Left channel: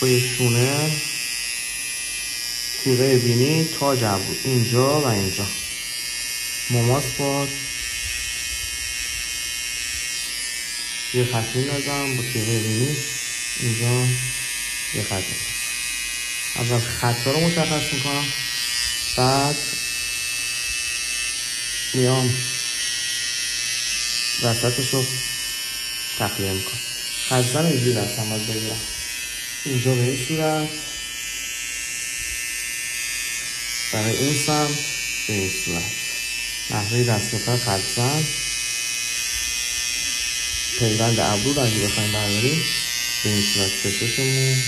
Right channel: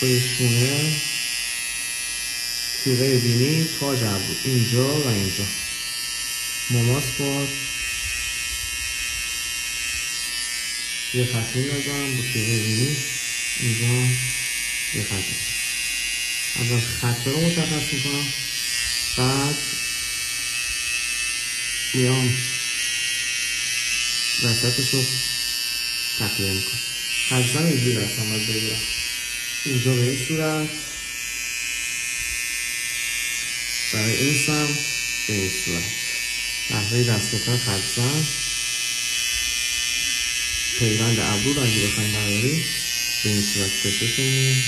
پای شونه، تیغه بینی، تاج ابرو اینجا و اینجا. مماس باز یه خطی نزن با تیغه بینی اینجا یه خطی. اول خطا رو مشخص میکنم، بعد میام وسطش رو تخلیه میکنم. خزن اینجوری دستم باید بگیرم اینجا به این صورت، برای این سمت به این صورت. نحوه دستگاه خزن پیوند ابرو رو اگه بخوایم برداریم به این صورت کششمون